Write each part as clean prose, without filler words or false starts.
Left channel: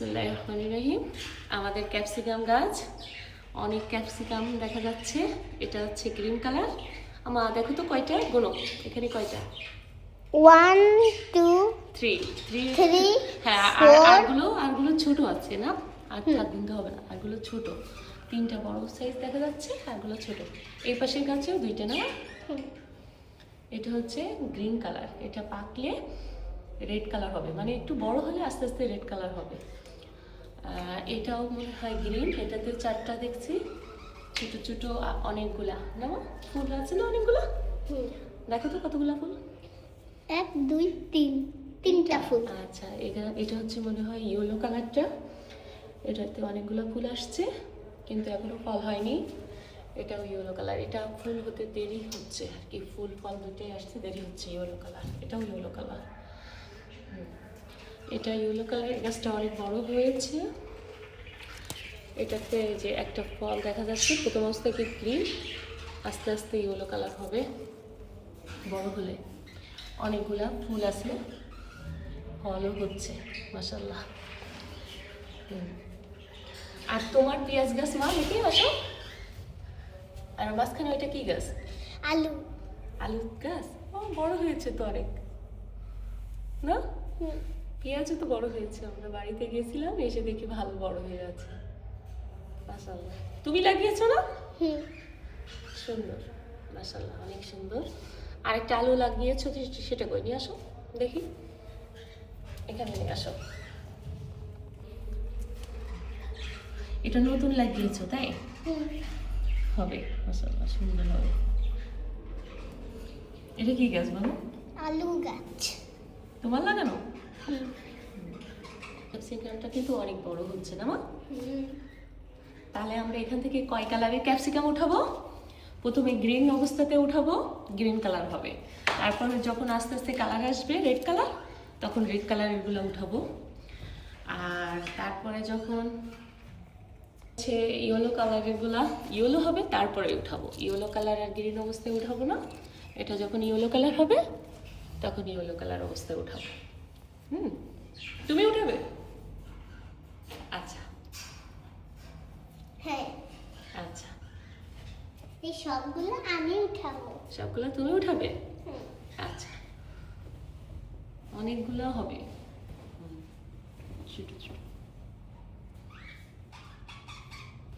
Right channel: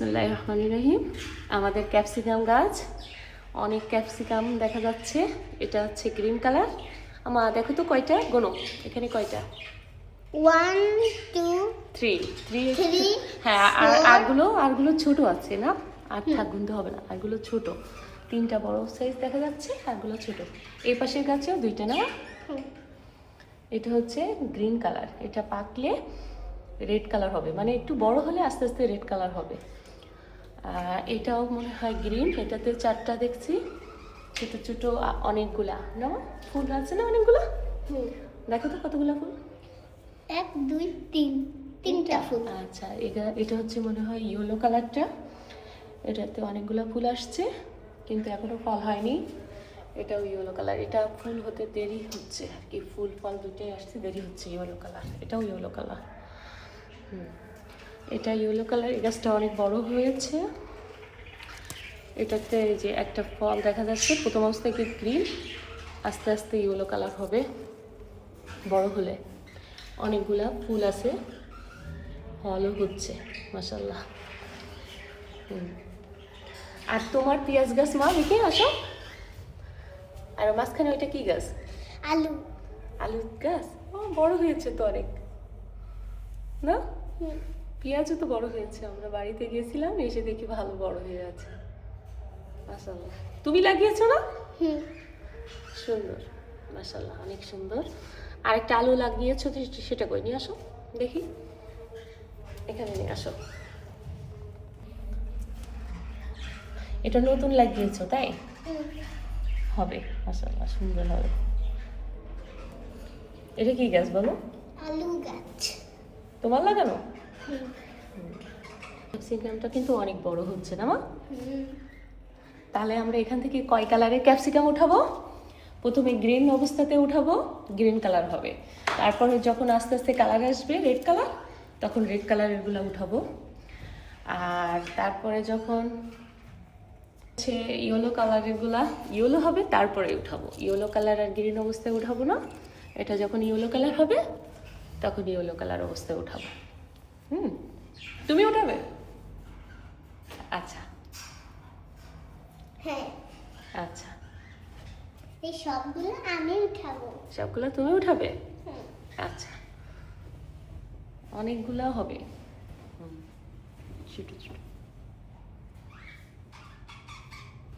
বিসমিল্লাহির রহমানির রহিম। আমাদের ক্যাপসিকাম গাছ, অনেক ক্যাপসিকাম দেখা যাচ্ছে। এটা হচ্ছে গ্রিন কালার। আমার দেখো তো কয়টা, গোনো এখানে কয়টা? 1 2 3 হ্যাঁ, 4 আরগুলো ছোট আছে না, আর থাক গুনতে হবে না, আরগুলো ছোট। 3টা বড় সাইজ দেখা যাচ্ছে, আরগুলো ছোট। এই পাশের গাছেও 2টা না। এটা হচ্ছে গ্রিন কালার, এটা পাকলে রেড কালার হবে, মানে একটু বড় হলে আস্তে আস্তে রেড কালার হবে। এটাও মনে হয় গ্রিন, এটাতে 4টা দেখছি, ছোট ছোট অনেকগুলা না ফুল আছে না, অনেকগুলা। দেখো তো কতগুলা ফুল, 1 2 3 তিনটা ফুল। আচ্ছা, এটা হচ্ছে মনে হয় ইয়েলো কালারটা। এটাতে অনেকগুলো ফুল আসছে কিন্তু এখনো ফল হয়নি। এটাও ইয়েলো কালার, এটা ফুল হতে দেরি হচ্ছে আর কি, ফুল ফল দুটোই আসছে, দেরি হচ্ছে। ইয়েলো কালার, এটাও ইয়েলো কালার। এটা ইয়েলো কালার, এই গাছটা অনেক বড় হয়েছে। এটাতে এই যে একটা ফল দেখা যাচ্ছে, প্রথম অবস্থায় একটু গ্রিন, আস্তে আস্তে ইয়েলো কালার হবে বড় হলে। অনেকগুলা ফুল আছে, ফলও হচ্ছে মাশাআল্লাহ। আর তোমার পেঁয়াজ গাছ মা লিখে আসো। আর মাঝখানে ওইটা কি গাছ? আলু। আলু গাছ। বড় হয়েছে তো অনেক না? পেঁয়াজও তো বড় হয়েছে, আমরা বাড়িতে গেছিলাম, এসে দেখি ভালো বড় হয়ে আছে মাশাআল্লাহ। তুমি লাগিয়েছো না? সুন্দর মাশাআল্লাহ, অনেক সুন্দর। আরেকটা আলু লাগিয়েছো, সেটা কই নিয়ে আসো দেখি, এখানে নিয়ে আসো। এটা নতুন লাগিয়েছো তাই? হবে মাশাআল্লাহ, সুন্দর হবে। এটা কি গাছ বলো? আলু গাছ। তোমার লাগানো? ক্যাপসিকামটা কিন্তু অনেক বড় হচ্ছে না মা? তাহলে আমরা এখান থেকে কয় কালারের ক্যাপসিকাম উঠাবো? প্রথমে গ্রিন অবস্থাতে উঠাবো, গ্রিন কালার হবে। তারপরে যখন আস্তে আস্তে কালার আসবে রেড কালার, তখন রেড কালারেরগুলো উঠাবো। আর তারপরে যখন হচ্ছে ইয়েলো কালারেরগুলা ইয়েলো হবে, তারপরে উঠাবো। ইয়েলো কালার আর গ্রিন অবস্থায় উঠাবো না, এটা যখন ইয়েলো কালার হবে তখন ইয়েলো কালার অবস্থায় উঠাবো। তুমি উঠাবে? আচ্ছা হ্যাঁ, আচ্ছা, এই সবগুলো আমি উঠাবো। সবগুলো তুমি উঠাবে? আচ্ছা, অনেকগুলো হবে ছোট ছোট।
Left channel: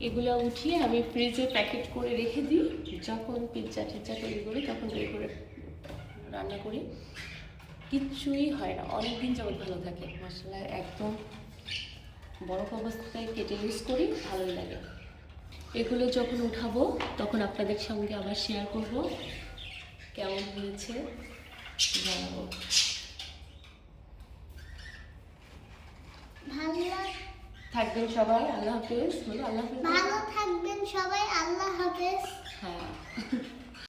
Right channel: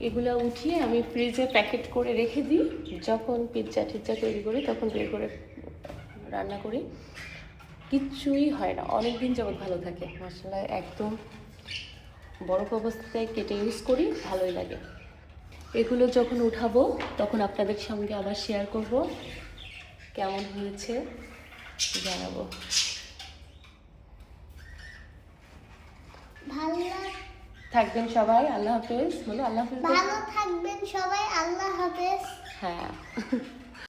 এগুলো উঠিয়ে আমি ফ্রিজে প্যাকেট করে রেখে দিই, যখন পিৎজা টিজ্জা তৈরি করি তখন তৈরি করে রান্না করি, কিচ্ছুই হয় না, অনেক দিন যাবত ভালো থাকে মশলা। একদম বরফ অবস্থায় কেটে ইউজ করি, ভালোই লাগে। এগুলো যখন উঠাবো তখন আপনাদের সঙ্গে আবার শেয়ার করব, কেমন হয়েছে জানাবো। ভালো থাকবেন সবাই, আল্লাহ হাফেজ। বলো আল্লাহ হাফেজ। ভালো থাকবেন সবাই, আল্লাহ হাফেজ। হ্যাঁ।